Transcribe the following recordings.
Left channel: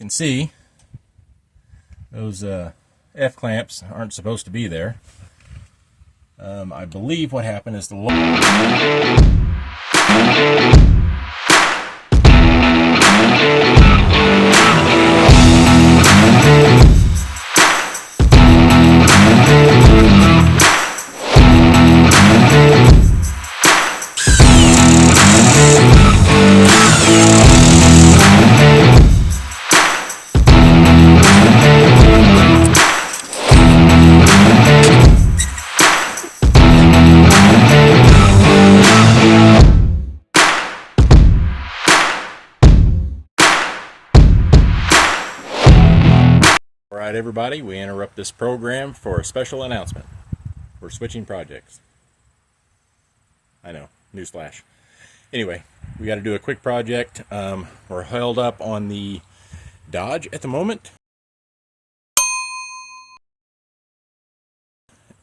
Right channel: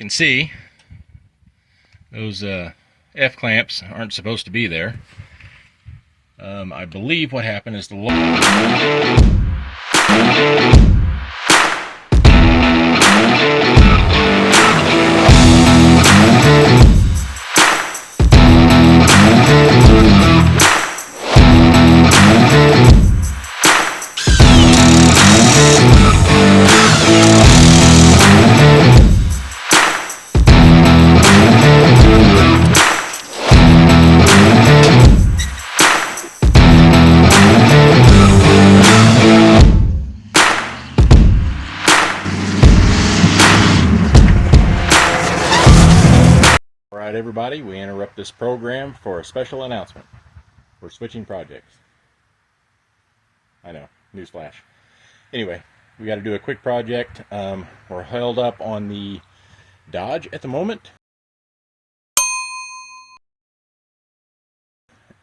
can see those F clamps aren't supposed to be there. I believe what happened is the Alright everybody, we interrupt this program for a special announcement. We're switching projects. I know, newsflash. Anyway, we got to do a quick project. We're held up on the Dodge at the moment.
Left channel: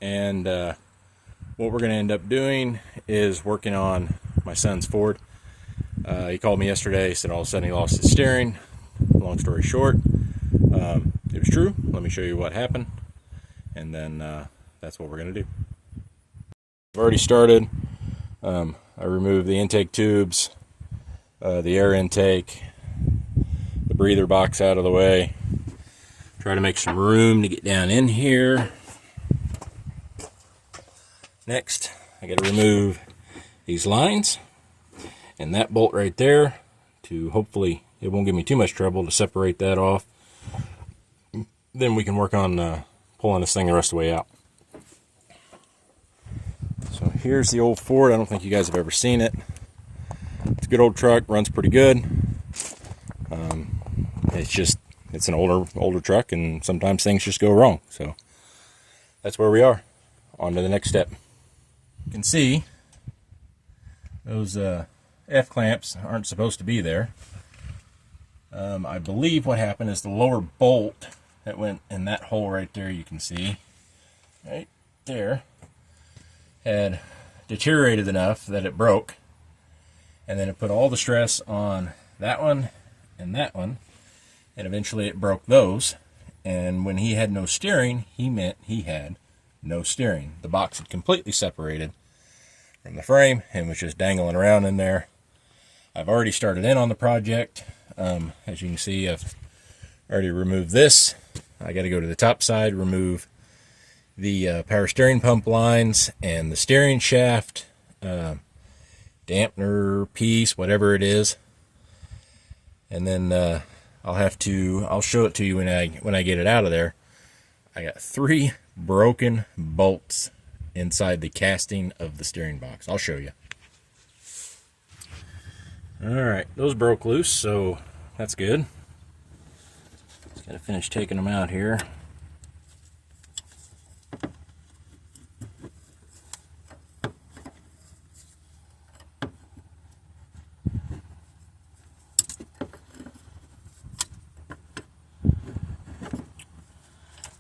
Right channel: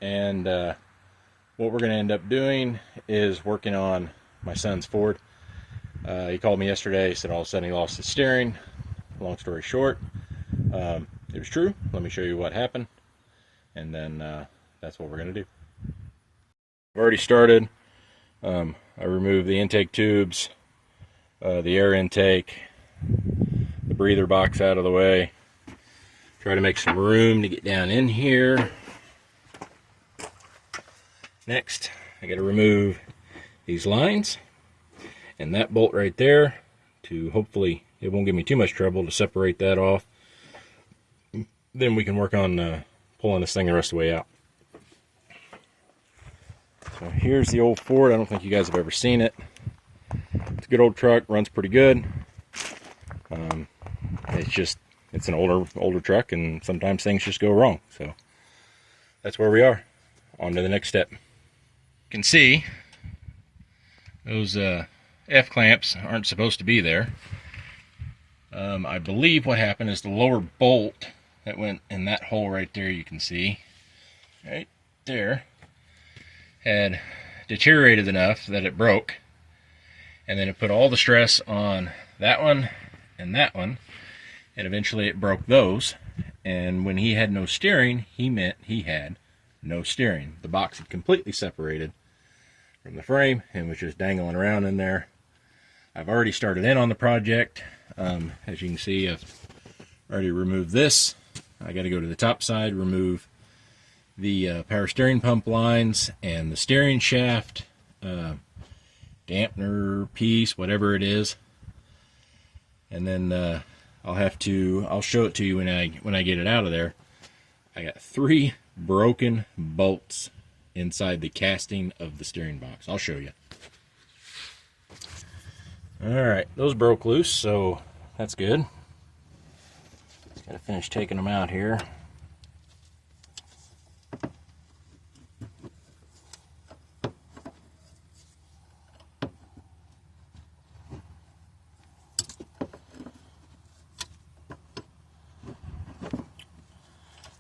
And what we're going to end up doing is working on my son's Ford. He called me yesterday, said all of a sudden he lost his steering. Long story short, it was true. Let me show you what happened, and then that's what we're going to do. I've already started. I removed the intake tubes, the air intake, the breather box out of the way. Try to make some room to get down in here. Next, I got to remove these lines and that bolt right there to hopefully it won't give me too much trouble to separate that off. Then we can work on pulling this thing the rest of the way out. So here's the old Ford. I don't think you guys have ever seen it. It's a good old truck, runs pretty good. It's an older truck, and sometimes things just go wrong. So that's where we are. On to the next step. You can see those F clamps aren't supposed to be there. I believe what happened is the lower bolt that went in that hole right there, you can see right there, had deteriorated enough that it broke, and then it put all the stress on that one and that one, and eventually it broke those. And when he had no steering, he meant he had no steering. The box had completely separated from the frame and was just dangling around in there. I've already started in on the project. As you can see, I've already removed this. I got to go to the top side, remove the power steering pump lines and the steering shaft, dampener piece, whatever it is. And then I'll show it to you when I get it out of there. I got 3 broken bolts inside the casting of the steering box. I'll show you. Alright, those broke loose, so that's good. Just gotta finish taking them out here.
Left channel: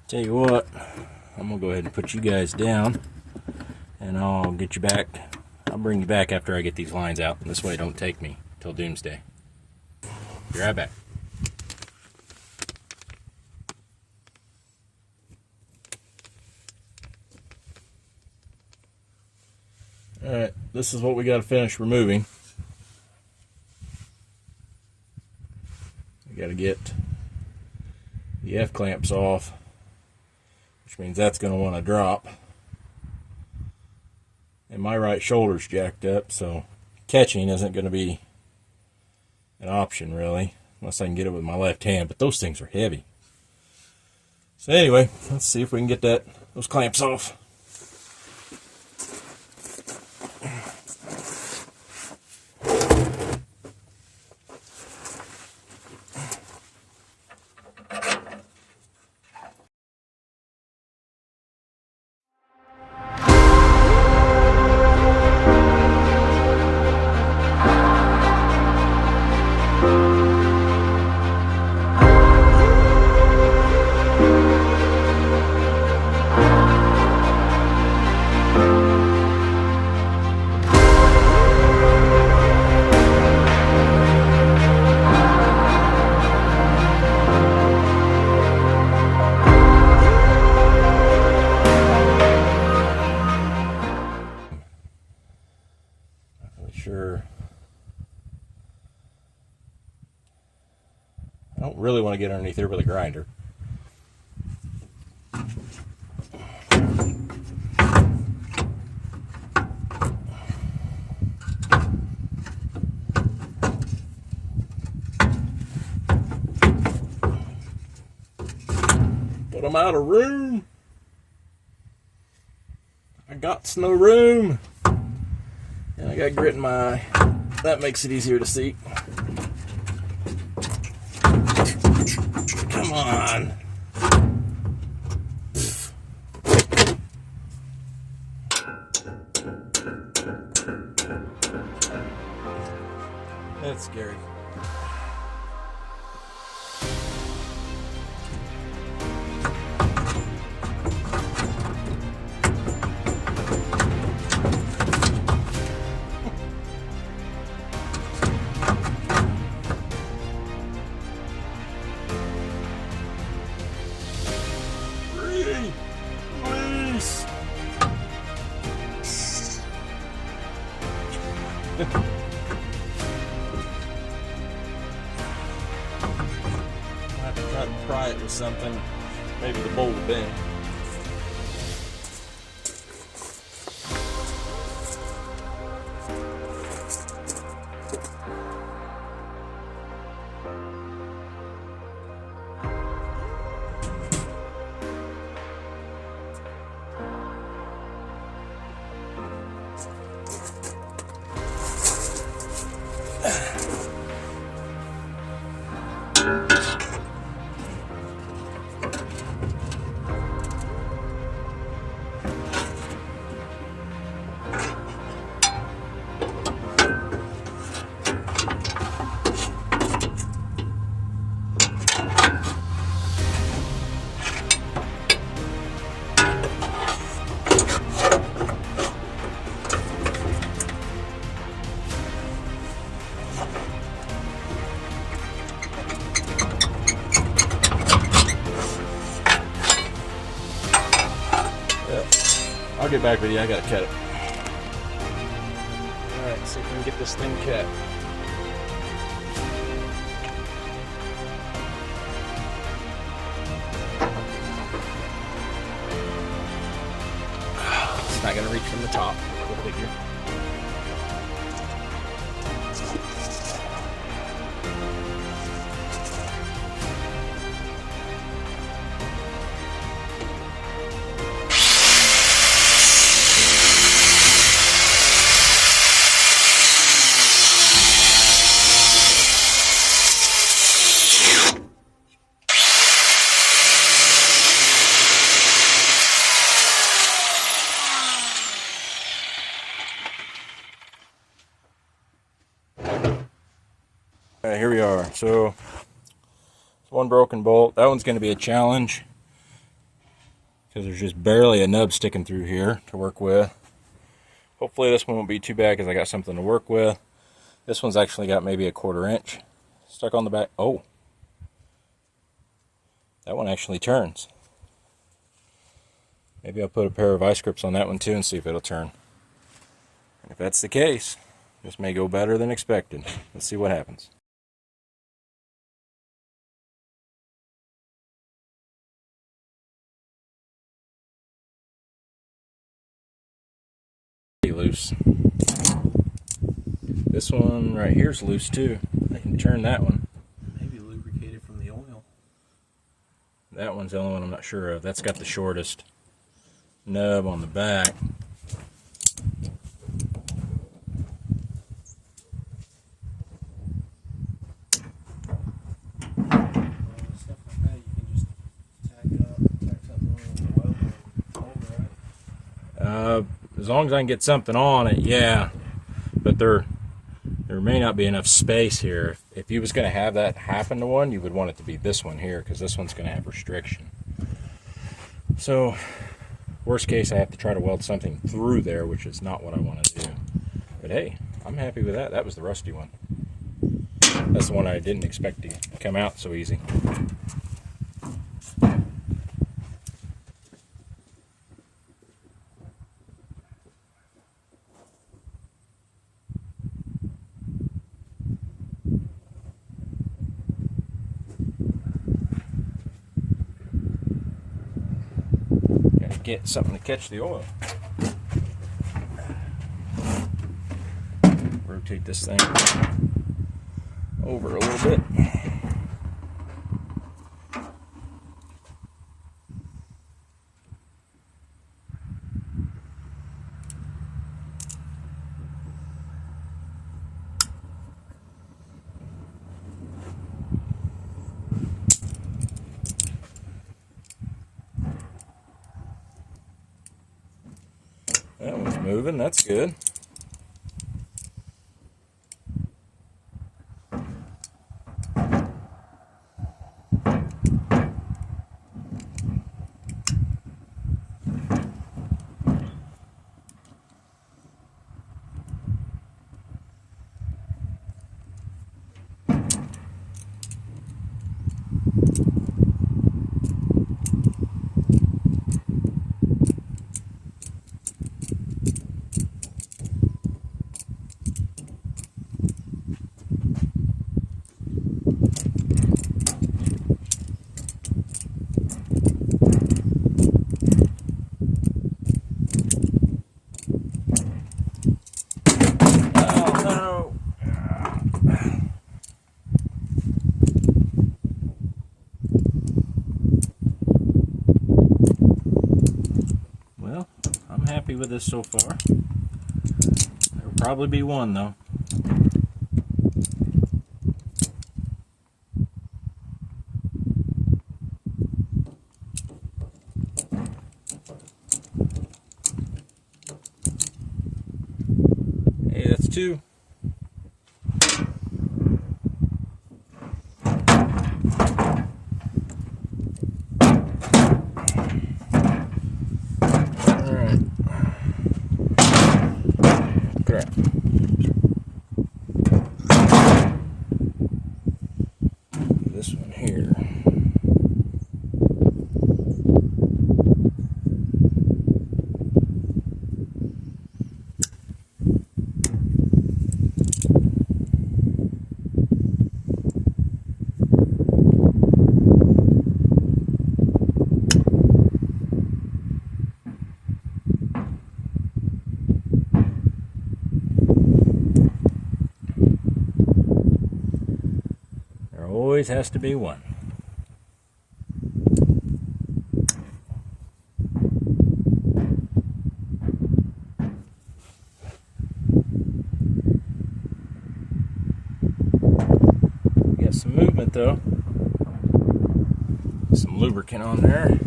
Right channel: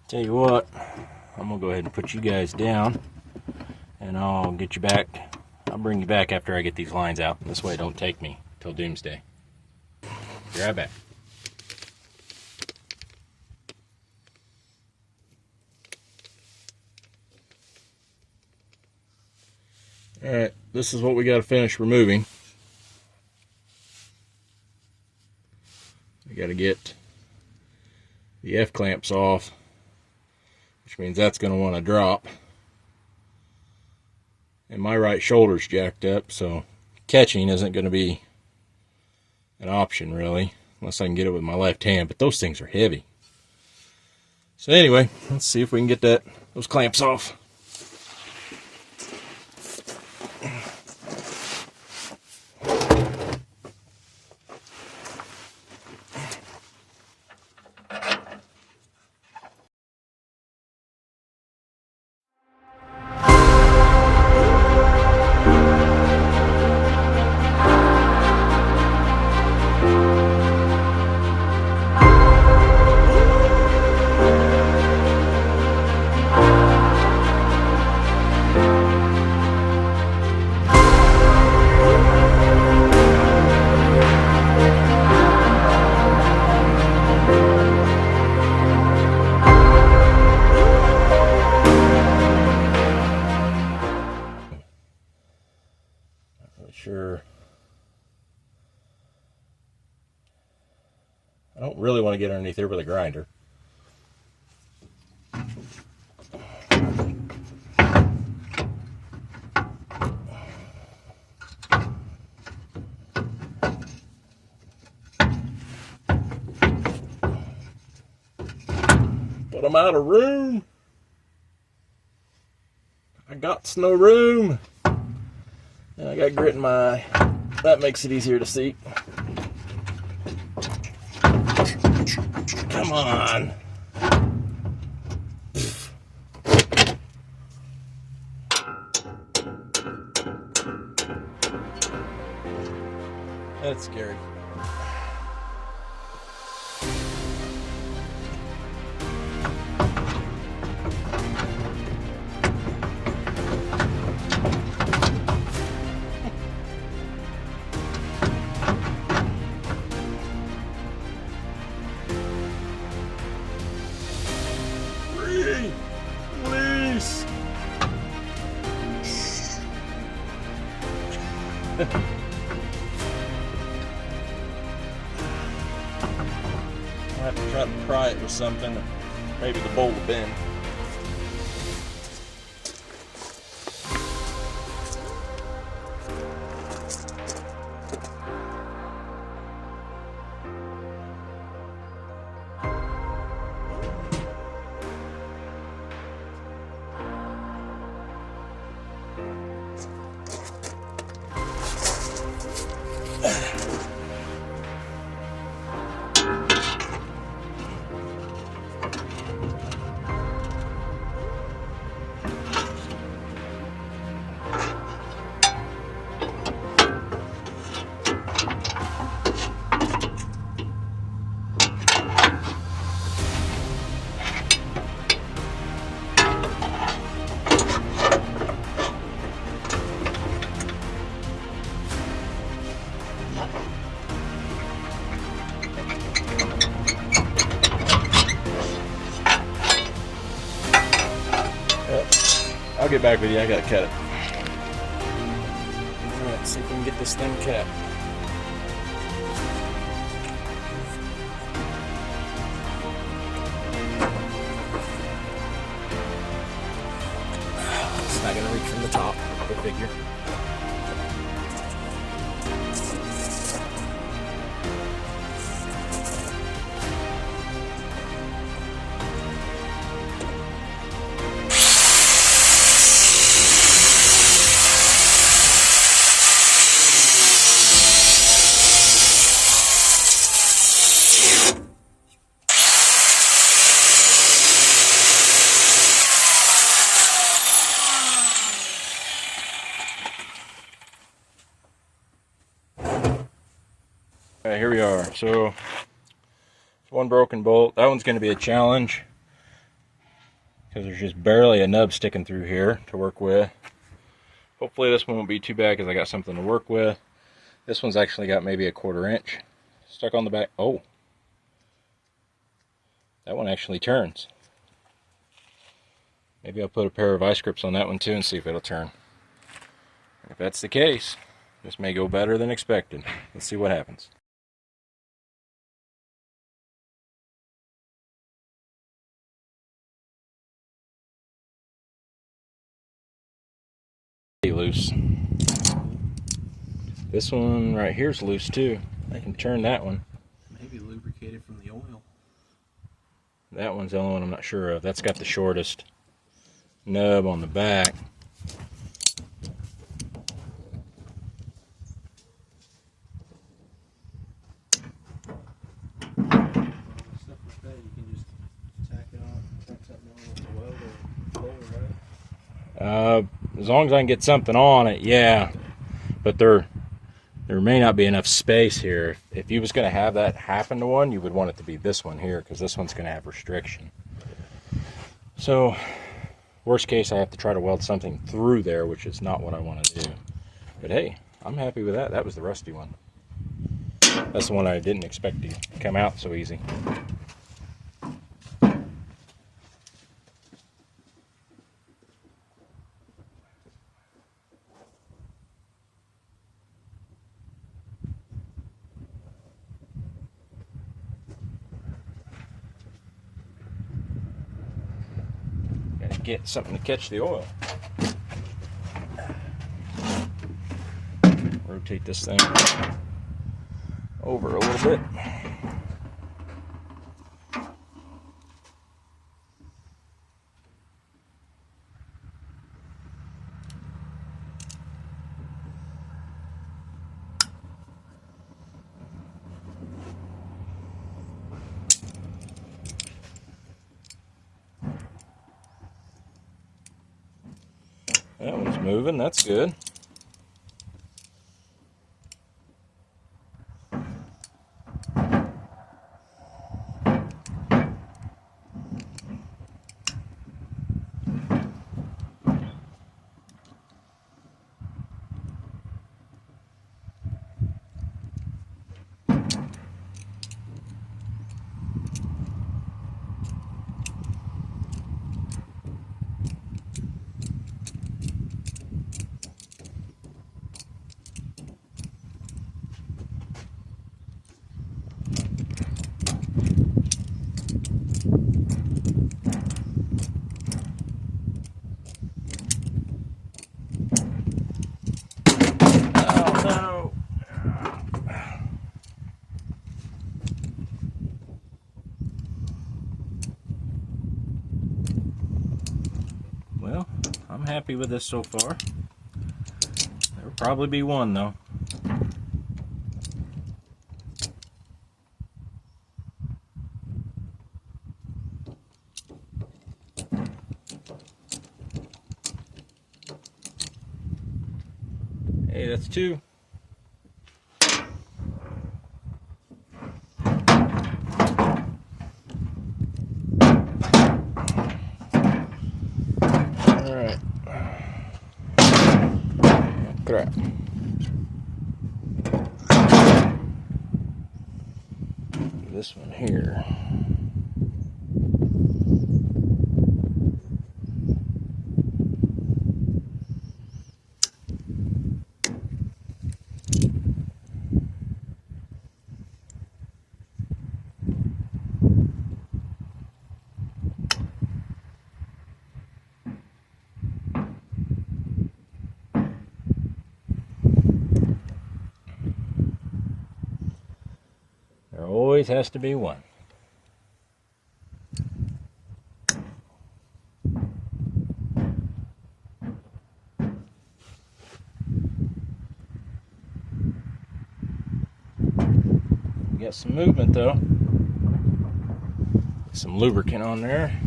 Tell you what, I'm gonna go ahead and put you guys down, and I'll get you back. I'll bring you back after I get these lines out. This way it don't take me till doomsday. Be right back. Alright, this is what we got to finish removing. We got to get the F clamps off, which means that's going to want to drop. And my right shoulder's jacked up, so catching isn't going to be an option really, unless I can get it with my left hand, but those things are heavy. So anyway, let's see if we can get those clamps off. I don't really want to get underneath here with a grinder. But I'm out of room. I got no room. And I got grit in my eye. That makes it easier to see. Come on. That's scary. Release. I'll have to try to pry it with something. Maybe the bowl will bend. I'll get back with you. I gotta cut it. Alright, see if we can get this thing cut. It's not gonna reach from the top, go figure. Alright, here we are. So, one broken bolt. That one's going to be a challenge because there's just barely a nub sticking through here to work with. Hopefully this one won't be too bad because I got something to work with. This one's actually got maybe a 1/4 inch stuck on the back. Oh, that one actually turns. Maybe I'll put a pair of vice grips on that one too and see if it'll turn. And if that's the case, this may go better than expected. Let's see what happens. Loose. This one right here is loose too. I can turn that one. Maybe lubricated from the oil. That one's the only one I'm not sure of. That's got the shortest nub on the back. Stuff like that, you can just tack it on, tack something on the weld or roll, right? As long as I can get something on it, yeah. But there may not be enough space here. If you was going to have that happen to one, you would want it to be this one here because this one's going to have restriction. So, worst case, I have to try to weld something through there, which is not what I want to do. But hey, I'm happy with that. That was the rusty one. That's the one I didn't expect to come out so easy. get something to catch the oil. Rotate this thing over a little bit. That one's moving, that's good. Happy with this so far. There'll probably be one though. Hey, that's two. Crap. This one here. Always has to be one. Got some movement though. Some lubricant on there.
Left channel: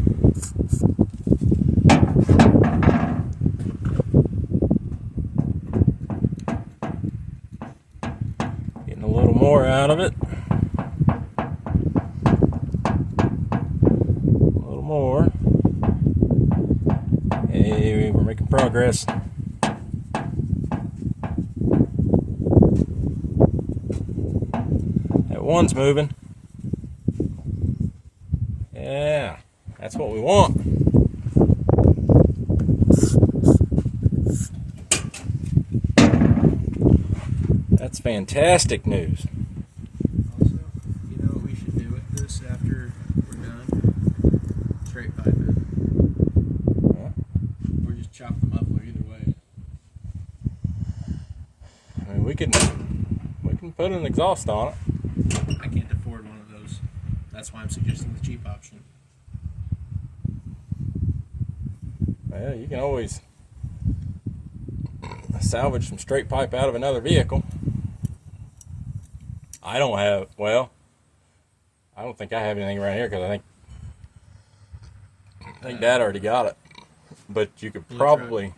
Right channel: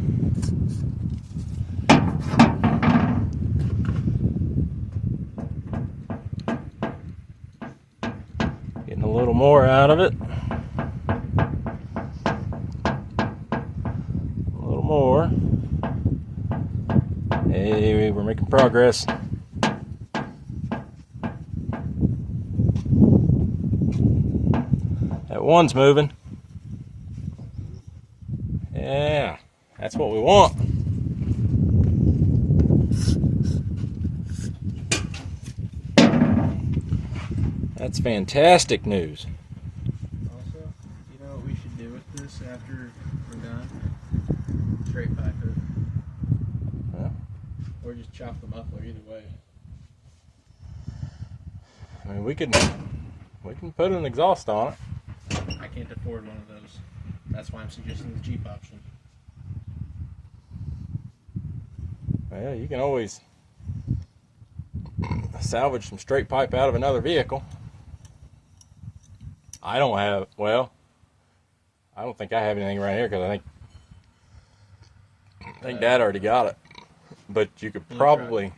Getting a little more out of it. More. Hey, we're making progress. That one's moving. Yeah, that's what we want. That's fantastic news. Also, you know what we should do with this after we're done? Straight pipe it. Huh? Or just chop the muffler, either way. I mean, we can put an exhaust on it. I can't afford one of those. That's why I'm suggesting the cheap option. Well, you can always salvage some straight pipe out of another vehicle. I don't think I have anything right here because I think Dad already got it. But you could probably,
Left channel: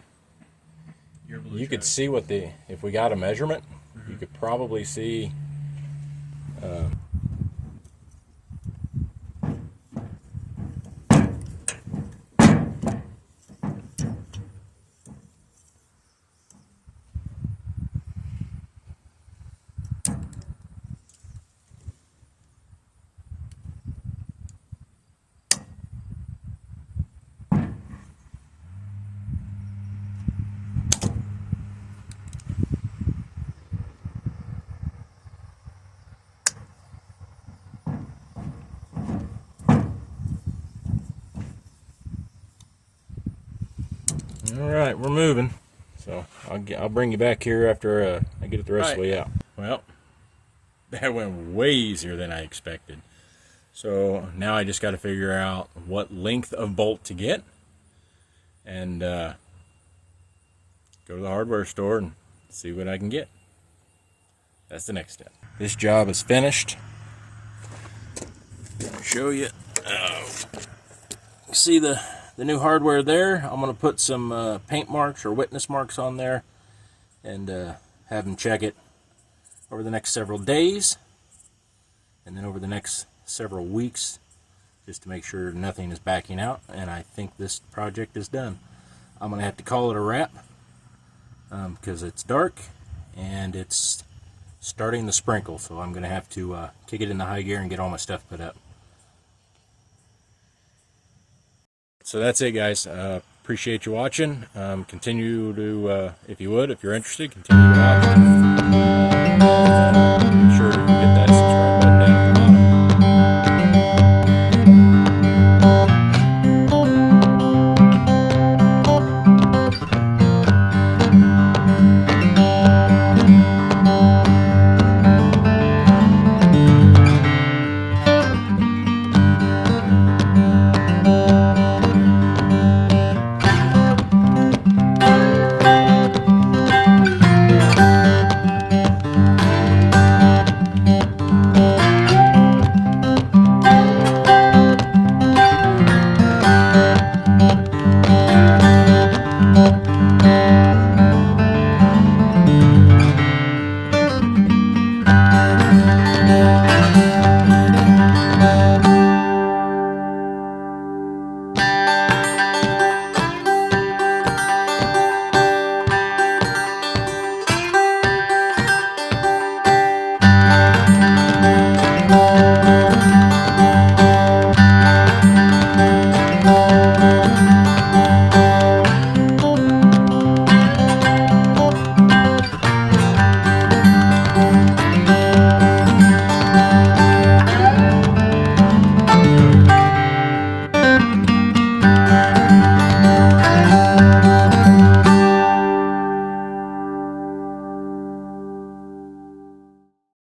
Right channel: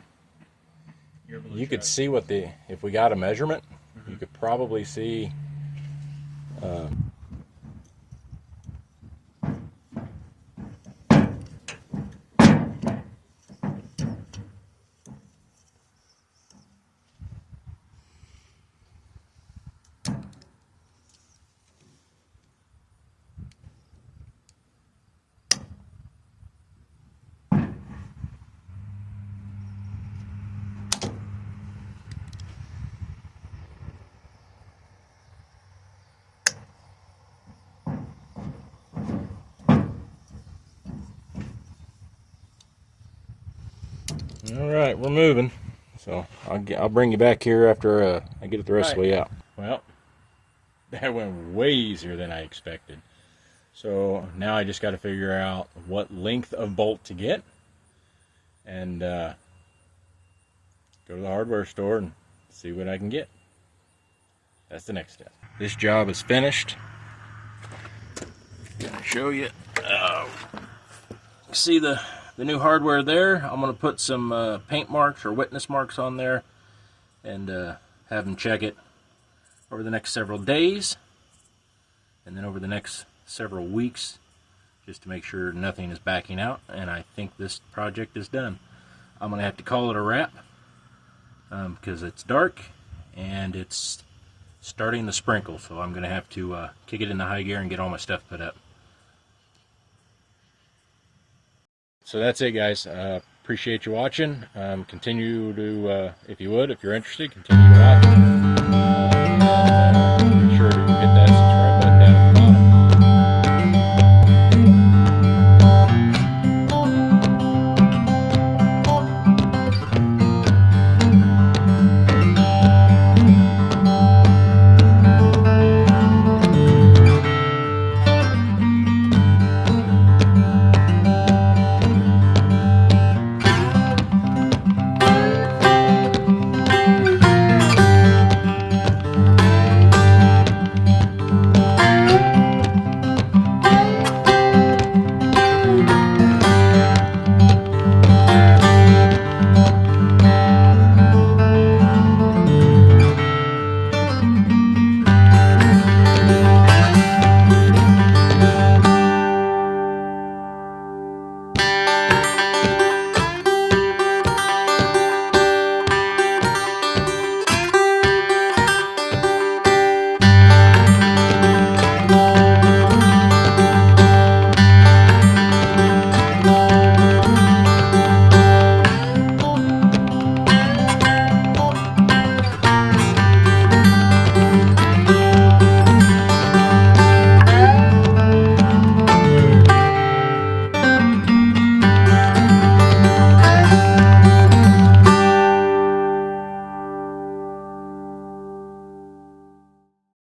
you could see what if we got a measurement, you could probably see All right, we're moving. So I'll bring you back here after I get it the rest of the way out. Well, that went way easier than I expected. So now I just got to figure out what length of bolt to get and go to the hardware store and see what I can get. That's the next step. This job is finished. I'm gonna show you. See the new hardware there? I'm gonna put some paint marks or witness marks on there and have them check it over the next several days and then over the next several weeks, just to make sure nothing is backing out. And I think this project is done. I'm gonna have to call it a wrap because it's dark and it's starting to sprinkle, so I'm gonna have to kick it into high gear and get all my stuff put up. So that's it, guys. Appreciate you watching. Continue to, if you're interested, continue to watch.